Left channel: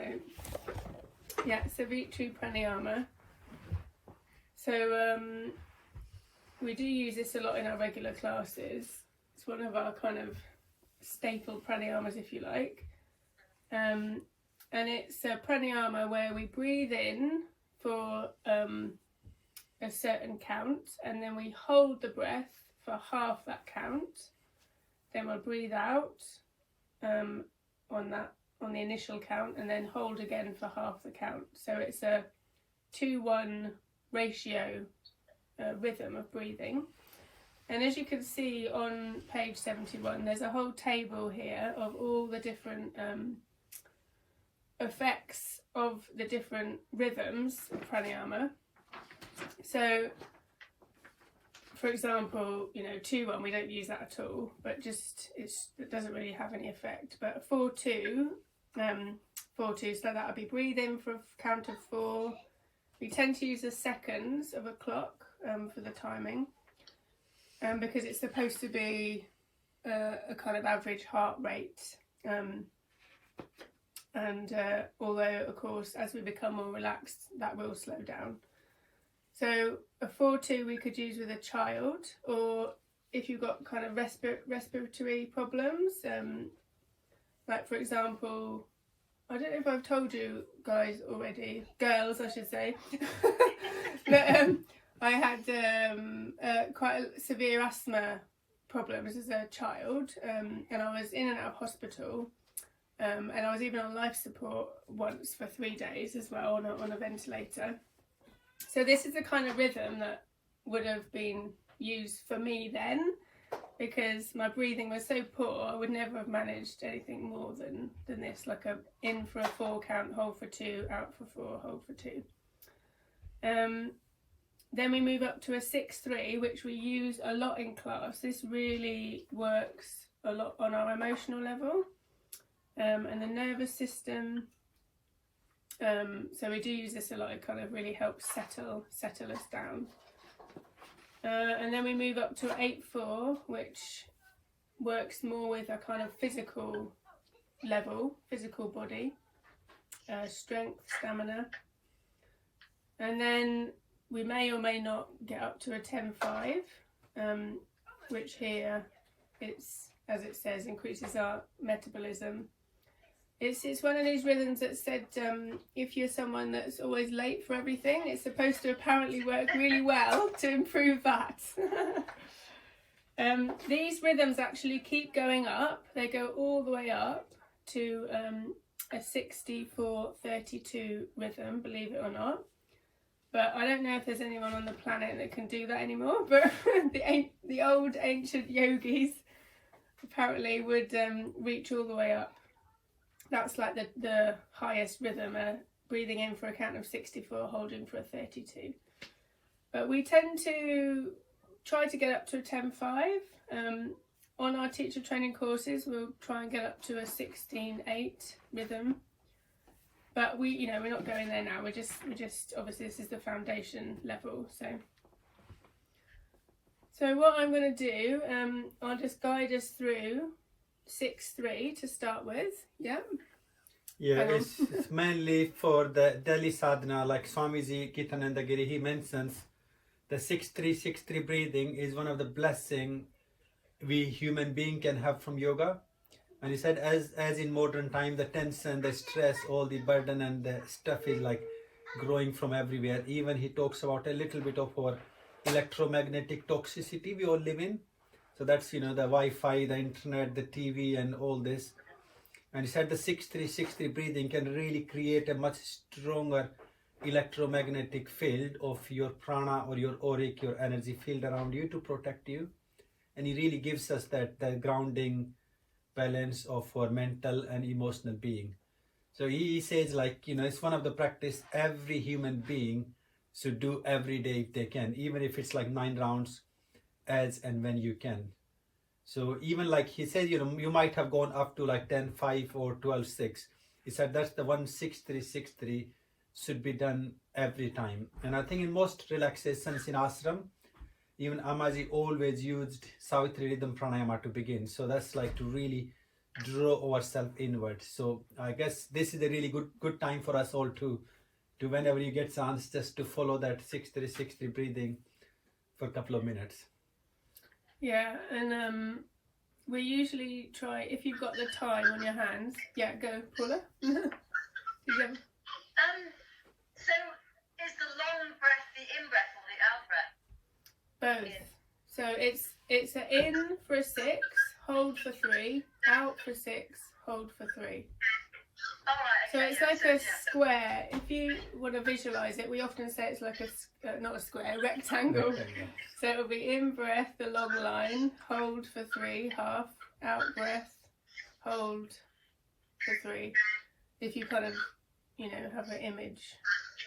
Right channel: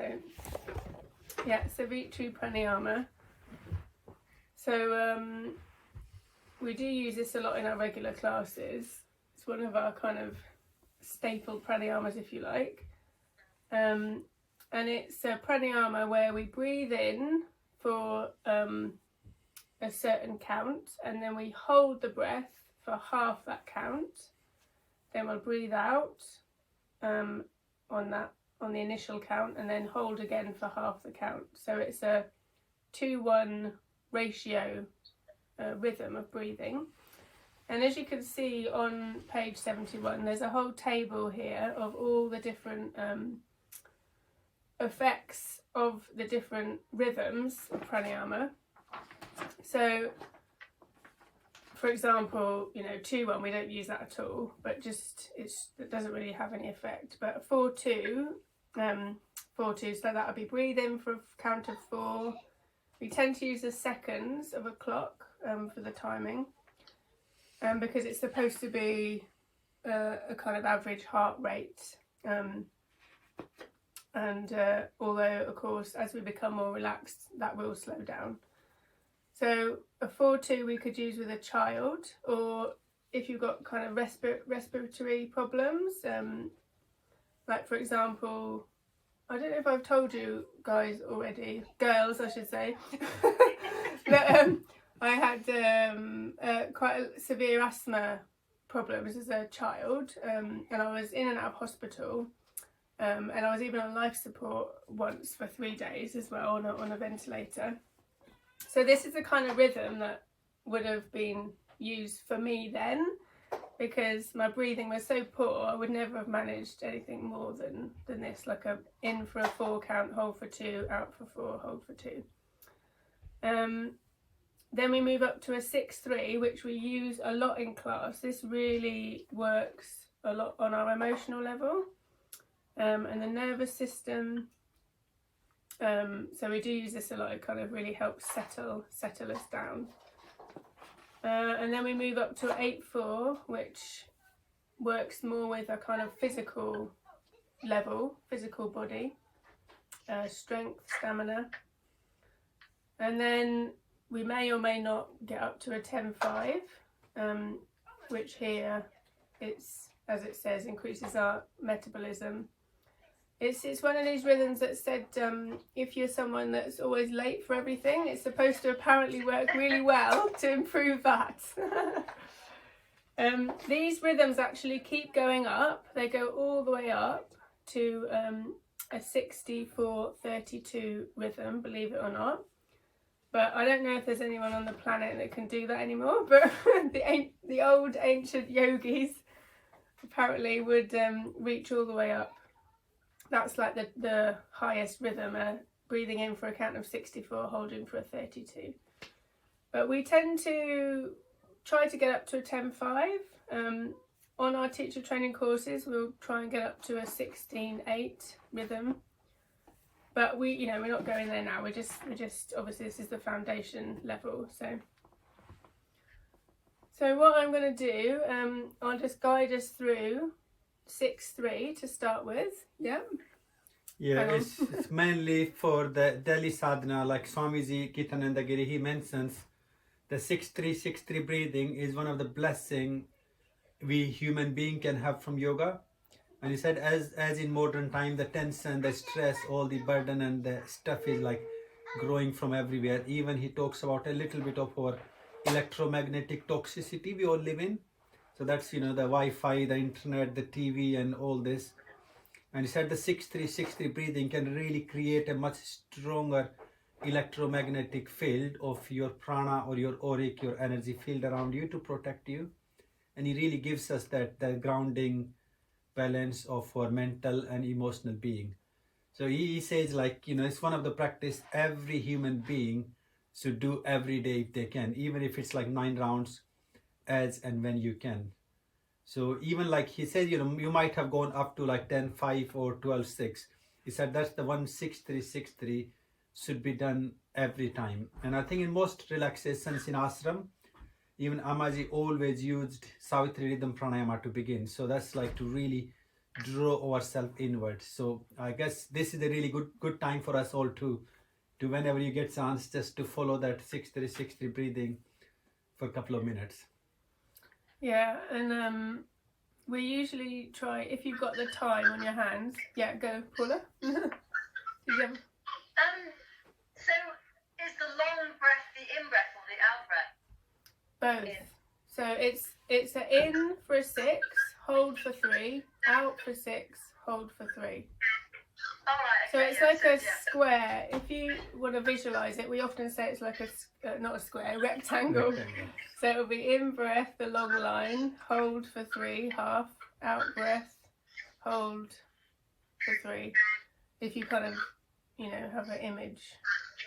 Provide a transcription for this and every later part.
So yeah, Savitri Pranayama. So we do use this a lot in our regular classes. It's one of our kind of staple pranayamas, if you like. And it's a pranayama where we breathe in for a certain count, and then we hold the breath for half that count. Then we'll breathe out on the initial count, and then hold again for half the count. So it's a 2-1 ratio rhythm of breathing. And as you can see on page 71, there's a whole table here of all the different effects of the different rhythms of pranayama. So, for example, 2-1, we don't use that at all, but it doesn't really have any effect. But 4-2, so that would be breathe in for a count of 4. We tend to use the seconds of a clock for the timing, because it's supposed to be a kind of average heart rate. Although, of course, as we become more relaxed, that will slow down. So a 4-2 we could use with a child, or if you've got kind of respiratory problems, like for example, I don't know if I've told you guys already, girls I should say, but I had quite a severe asthma problems as a child, and I was in and out of hospital, and I was even on life support once for 3 days as well on a ventilator. So this is the kind of rhythm that would have been used for me then, because my breathing was so poor. I would never have managed anything more than this, like a in for a 4 count, hold for 2, out for 4, hold for 2. Then we move up to a 6-3, which we use a lot in class. This really works a lot on our emotional level and the nervous system. So we do use this a lot. It kind of really helps settle us down. And then we move up to 8-4, which works more with a kind of physical level, physical body, strength, stamina. And then we may or may not get up to a 10-5, which here it's, as it says, increases our metabolism. It's one of these rhythms that said if you're someone that's always late for everything, it's supposed to apparently work really well to improve that. These rhythms actually keep going up. They go all the way up to a 60-4-32 rhythm, believe it or not. But I don't know if there's anyone on the planet that can do that anymore. But the old ancient yogis apparently would reach all the way up. That's like the highest rhythm, breathing in for a count of 64, holding for a 32. But we tend to try to get up to a 10-5. On our teacher training courses, we'll try and get up to a 16-8 rhythm. But we're not going there now. We're just obviously this is the foundation level. So what I'm going to do, I'll just guide us through 6-3 to start with. Yeah, it's mainly for the Delhi sadhana, like Swamiji Kitananda Giri, he mentions the 6-3 breathing is one of the blessing we human being can have from yoga. And he said as in modern time, the tension, the stress, all the burden and the stuff is like growing from everywhere. Even he talks about a little bit of our electromagnetic toxicity we all live in. So that's, the Wi-Fi, the internet, the TV and all this. And he said the 6-3 breathing can really create a much stronger electromagnetic field of your prana or your auric, your energy field around you to protect you. And he really gives us that grounding balance of our mental and emotional being. So he says it's one of the practice every human being should do every day if they can, even if it's like 9 rounds as and when you can. So even like he said, you might have gone up to like 10-5 or 12-6. He said that's the one 6-3 should be done every time. And I think in most relaxations in ashram, even Amaji always used Savitri Rhythm Pranayama to begin. So that's like to really draw ourselves inward. So I guess this is a really good time for us all to whenever you get chance, just to follow that 6-3-6-3 breathing for a couple of minutes. Yeah, and we usually try, if you've got the time on your hands. Yeah, go, Paula. So is the long breath the in-breath or the out-breath? Both. So it's an in for a 6, hold for 3, out for 6, hold for 3. So it's like a square. If you want to visualize it, we often say it's like not a square, a rectangle. So it'll be in breath, the long line, hold for 3, half, out breath, hold for 3. If you kind of, have an image.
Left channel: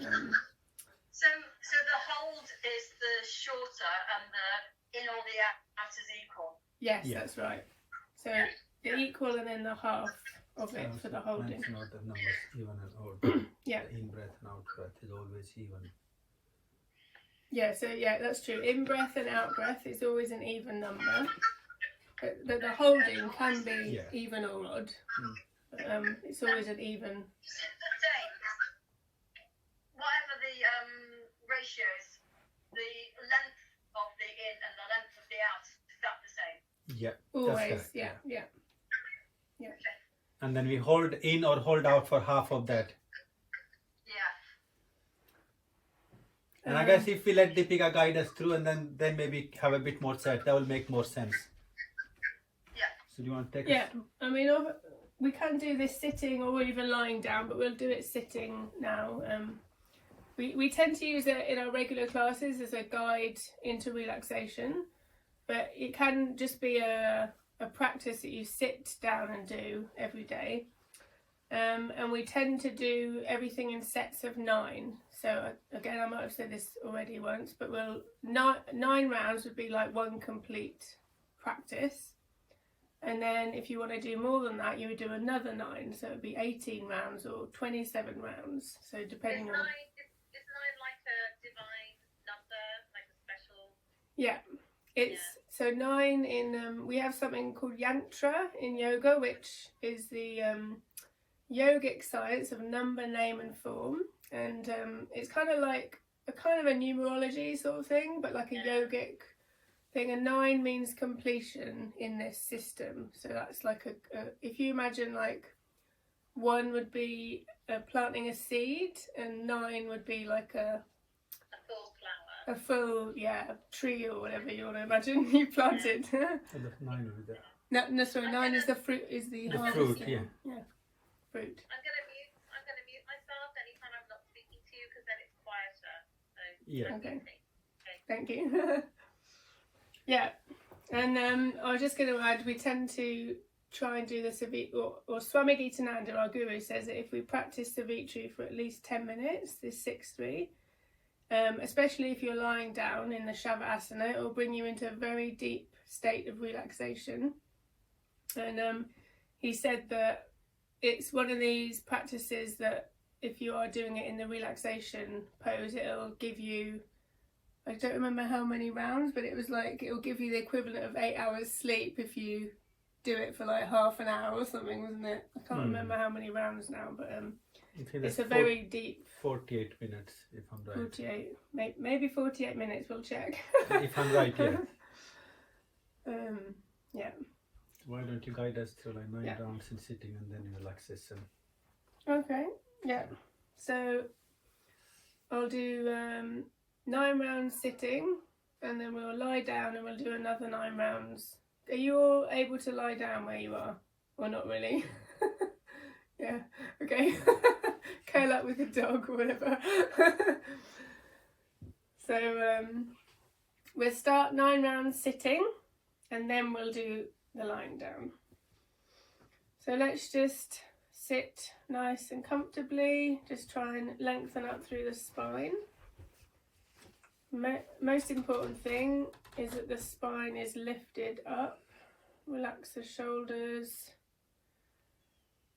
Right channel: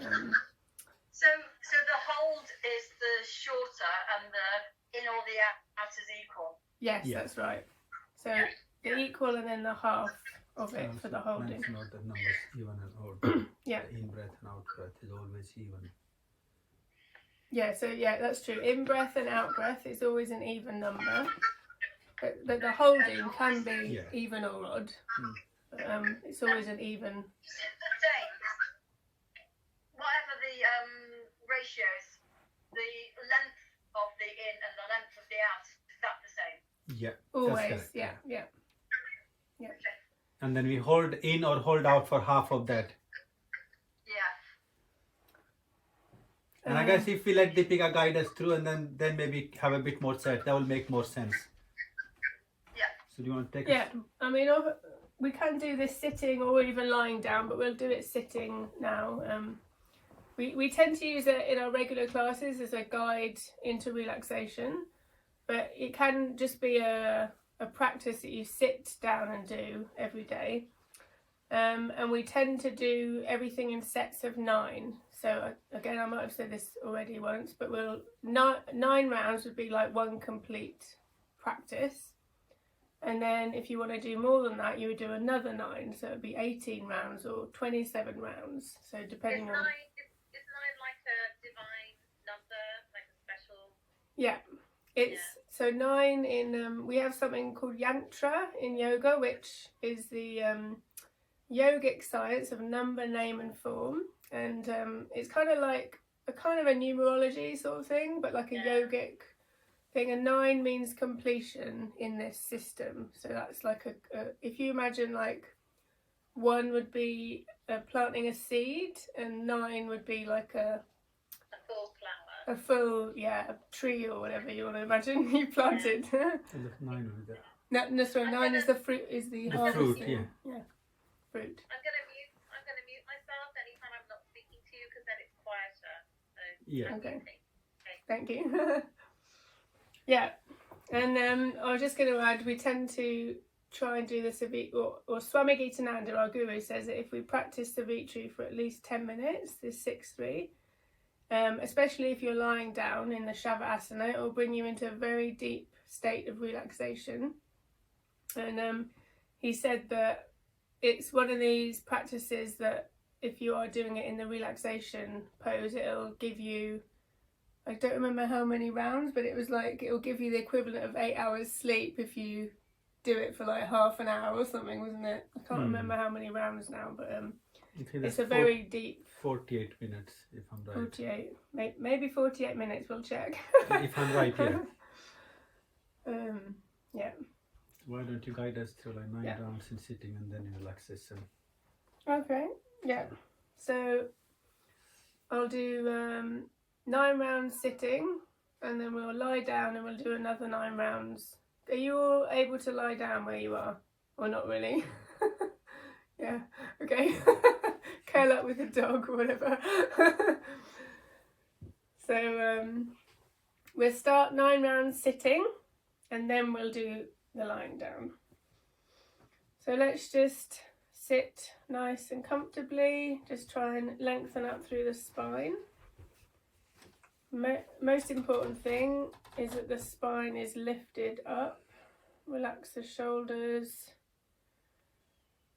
So the hold is the shorter and the in or the out is equal? Yes, that's right. So the equal and then the half of it for the holding. Not the numbers, even and odd. Yeah. The in breath and out breath is always even. Yeah, so that's true. In breath and out breath is always an even number. But the holding can be even or odd. But, it's always an even. Whatever the ratios, the length of the in and the length of the out, is that the same? Yeah. Always, yeah. And then we hold in or hold out for half of that. Yeah. And I guess if we let Deepika guide us through and then maybe have a bit more set, that will make more sense. Yeah. So do you want to take Yeah, I mean, we can do this sitting or even lying down, but we'll do it sitting now. We tend to use it in our regular classes as a guide into relaxation, but it can just be a practice that you sit down and do every day. And we tend to do everything in sets of 9. So again, I might have said this already once, but 9 rounds would be like one complete practice. And then if you want to do more than that, you would do another 9. So it would be 18 rounds or 27 rounds. So depending on... Is 9 like a divine number, like a special... Yeah, so 9 in... we have something called yantra in yoga, which is the yogic science of number, name and form. And it's kind of like a numerology sort of thing, but like a yogic thing. And 9 means completion in this system. So that's like if you imagine like 1 would be planting a seed, and 9 would be like a full flower, a full a tree or whatever you want to imagine you planted. So the 9 will be there. No, sorry, 9 is the fruit, is the harvest. Fruit, yeah, fruit. I'm gonna mute myself anytime I'm not speaking to you, because then it's quieter. So yeah. Okay. Thank you. Yeah, and I was just going to add, we tend to try and do the Savitri, or Swami Gitananda, our guru, says that if we practice Savitri for at least 10 minutes, this 6-3, especially if you're lying down in the Shavasana, it will bring you into a very deep state of relaxation. And he said that it's one of these practices that if you are doing it in the relaxation pose, it'll give you, I don't remember how many rounds, but it was like, it'll give you the equivalent of 8 hours sleep if you do it for like half an hour or something, wasn't it? I can't remember how many rounds now, but it's a very deep... 48 minutes, if I'm right. 48, maybe 48 minutes, we'll check. If I'm right, yeah. Yeah. Why don't you guide us through like 9 rounds in sitting and then in relaxation? Okay, yeah. So I'll do 9 rounds sitting, and then we'll lie down and we'll do another 9 rounds. Are you all able to lie down where you are? Or not really? Yeah, okay. Curl up with a dog or whatever. So we'll start 9 rounds sitting, and then we'll do the lying down. So let's just sit nice and comfortably. Just try and lengthen up through the spine. Most important thing is that the spine is lifted up. Relax the shoulders.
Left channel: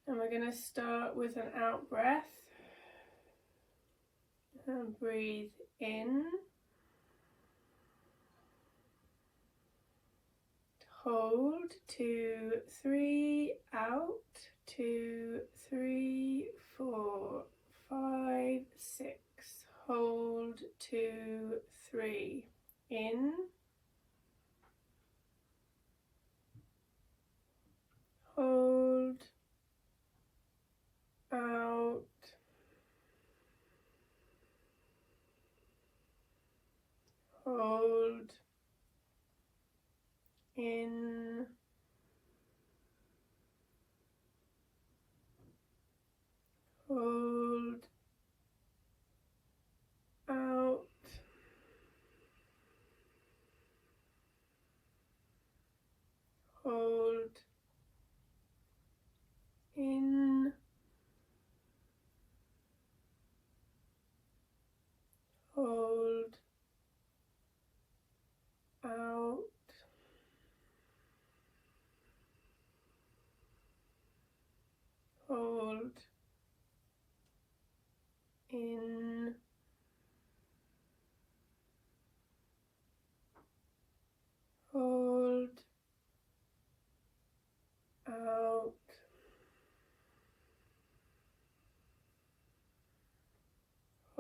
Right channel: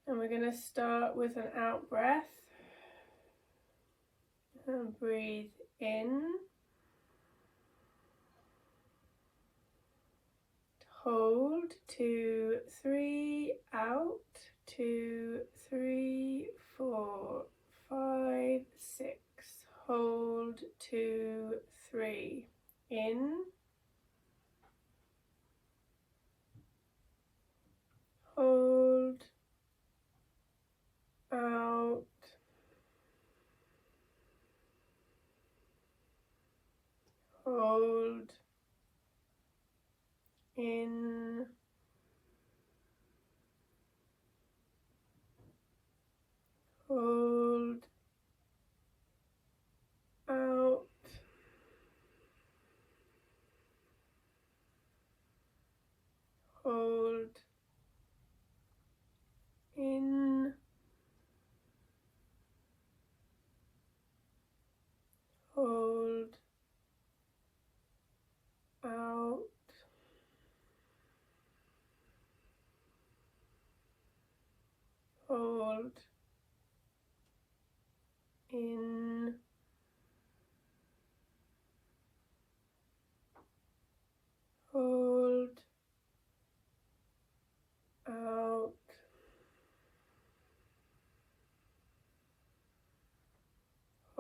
And we're going to start with an out breath. And breathe in. hold, 2, 3, out, 2, 3, 4, 5, 6, hold, 2, 3, in, hold, out, hold, in, hold, out, hold, in, hold, out, hold, in, hold, out,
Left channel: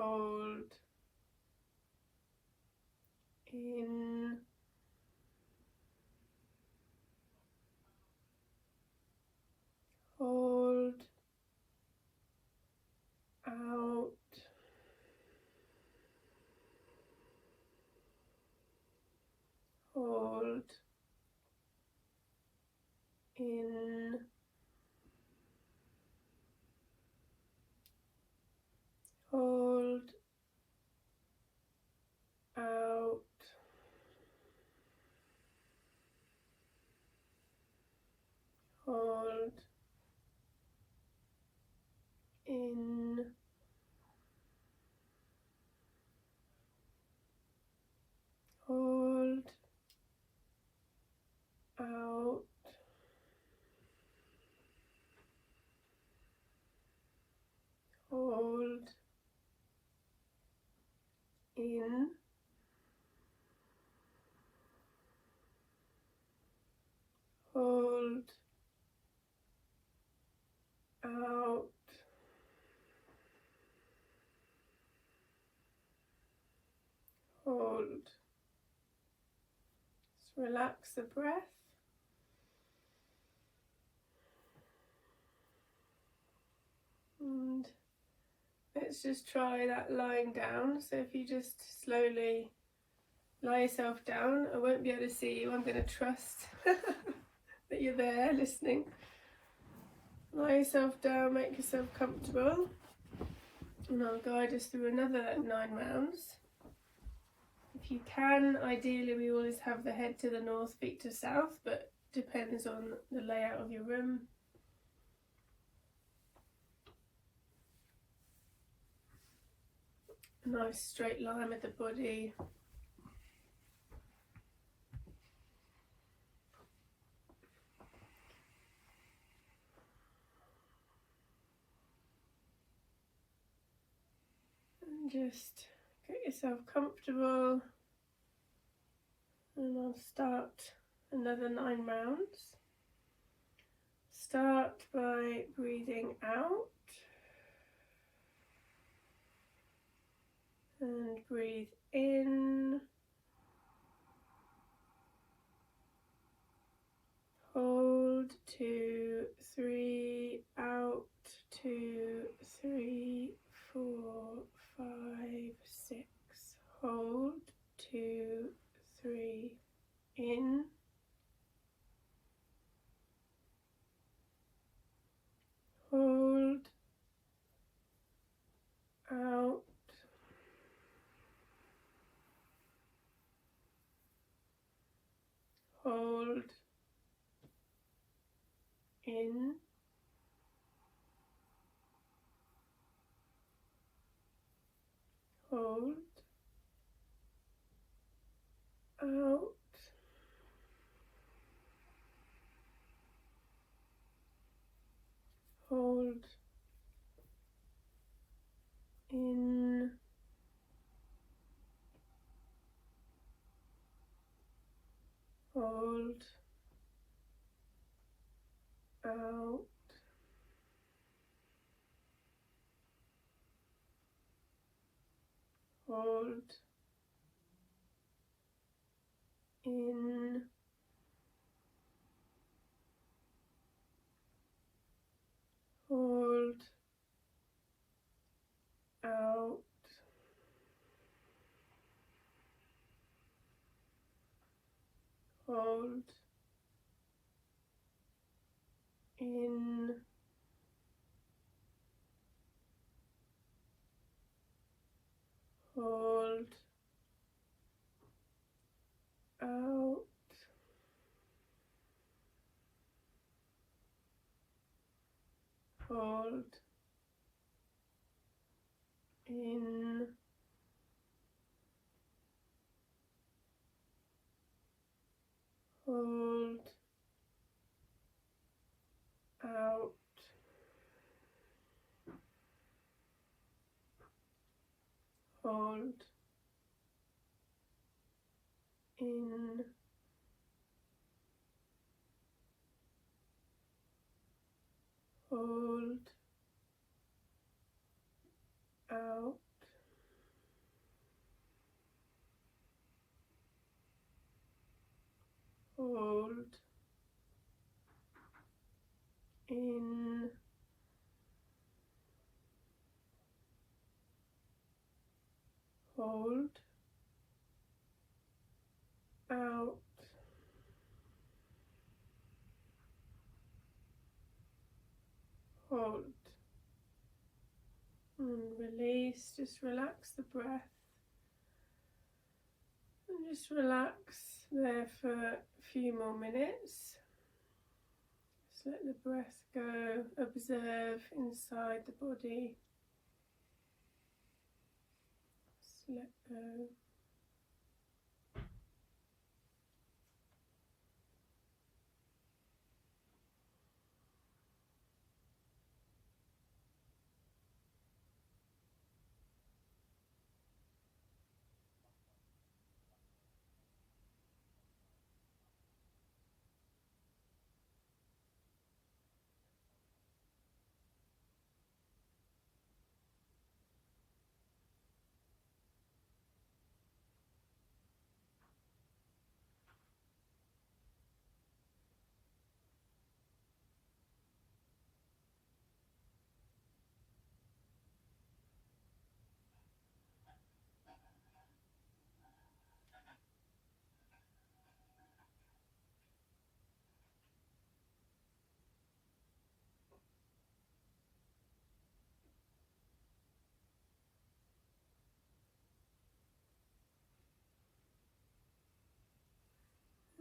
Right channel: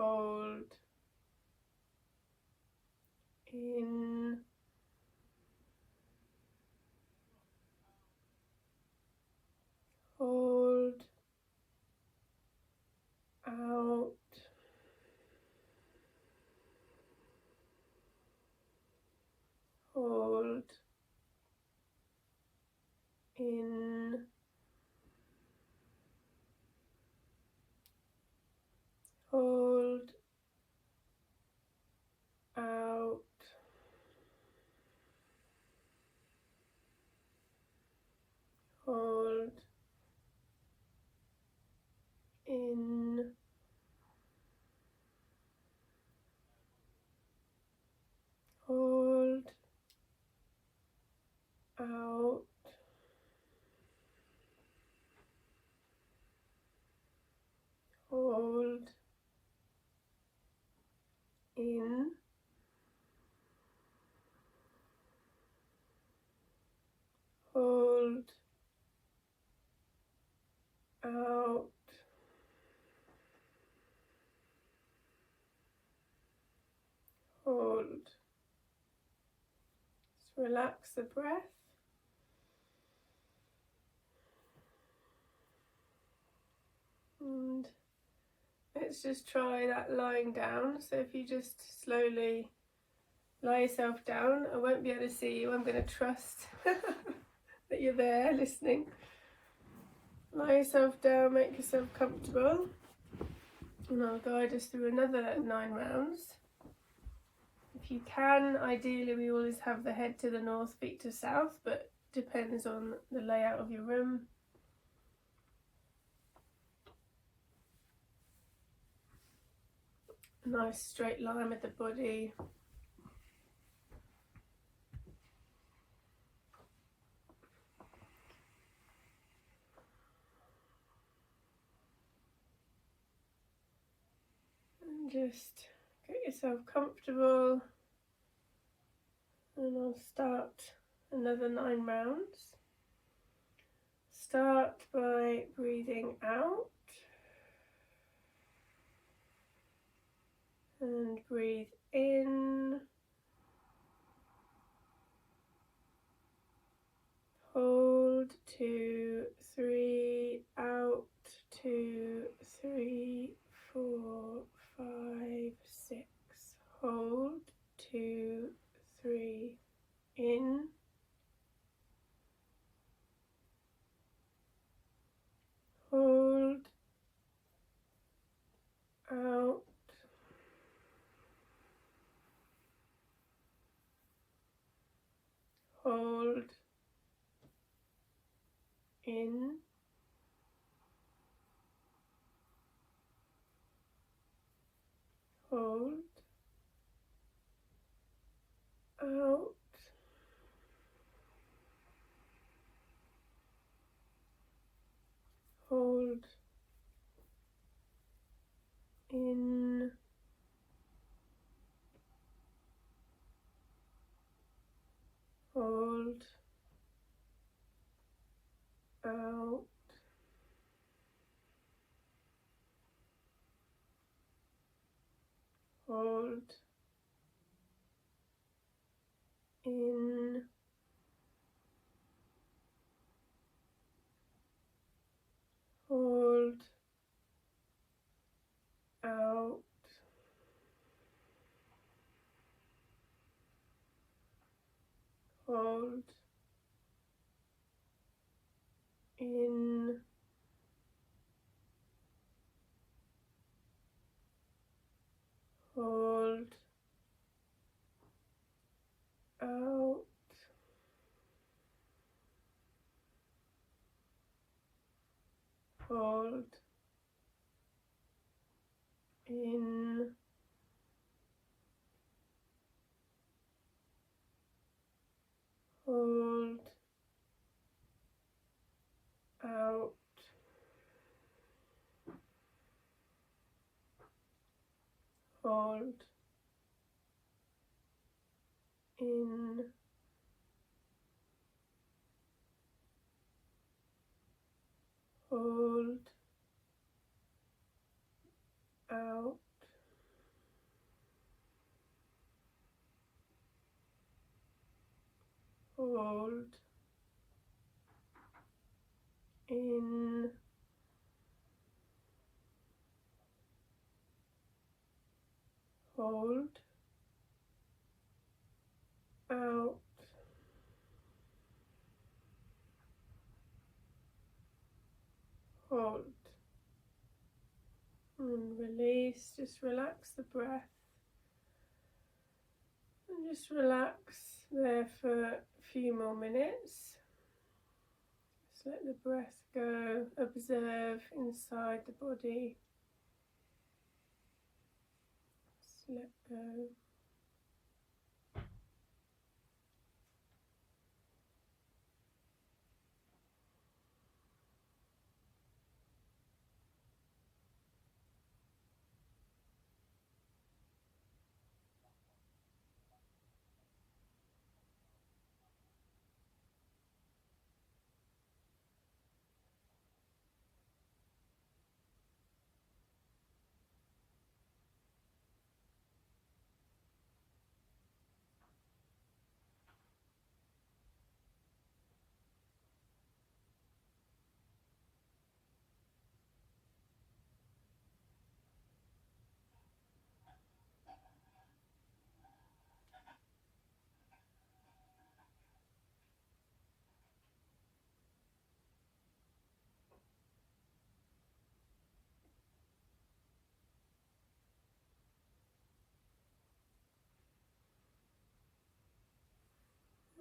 hold, in, hold, out, hold, in, hold, out, hold, in, hold, out, hold, in, hold, out, hold. Just relax the breath. And let's just try that lying down. So if you just slowly lie yourself down, I won't be able to see you. I'm going to trust that you're there listening. Lie yourself down, make yourself comfortable, and I'll guide us through another 9 rounds. If you can, ideally we always have the head to the north, feet to south, but depends on the layout of your room. A nice straight line with the body. And just get yourself comfortable, and I'll start another 9 rounds. Start by breathing out and breathe in, hold, 2, 3, out, 2, 3, 4, 5, 6, hold, 2, 3, in, hold, out, hold, in, hold, out, hold, in, hold, hold, in, hold, out, hold, in, hold, out, hold, in, hold, out, hold, in, hold, out, hold, in, hold, out, hold, and release. Just relax the breath and just relax there for a few more minutes. Just let the breath go, observe inside the body, just let go.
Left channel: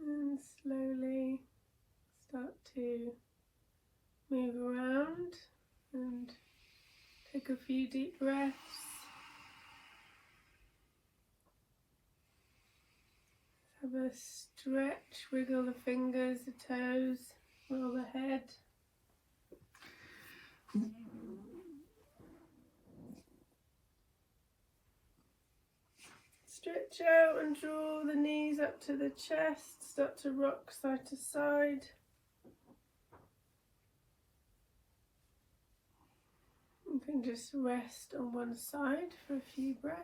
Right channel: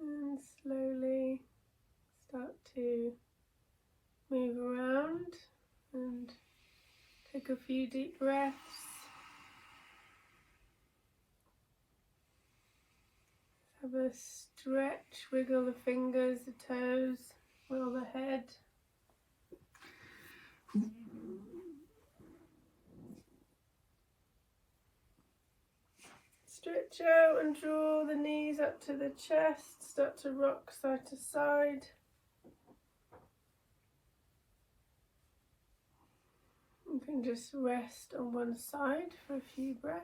And slowly start to move around and take a few deep breaths. Have a stretch, wiggle the fingers, the toes, roll the head. Stretch out and draw the knees up to the chest, start to rock side to side. You can just rest on one side for a few breaths.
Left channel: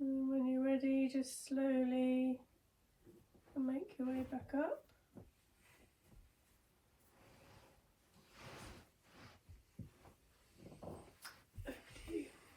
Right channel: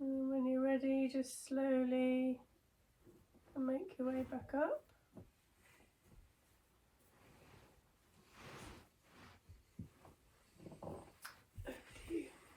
And when you're ready, just slowly make your way back up.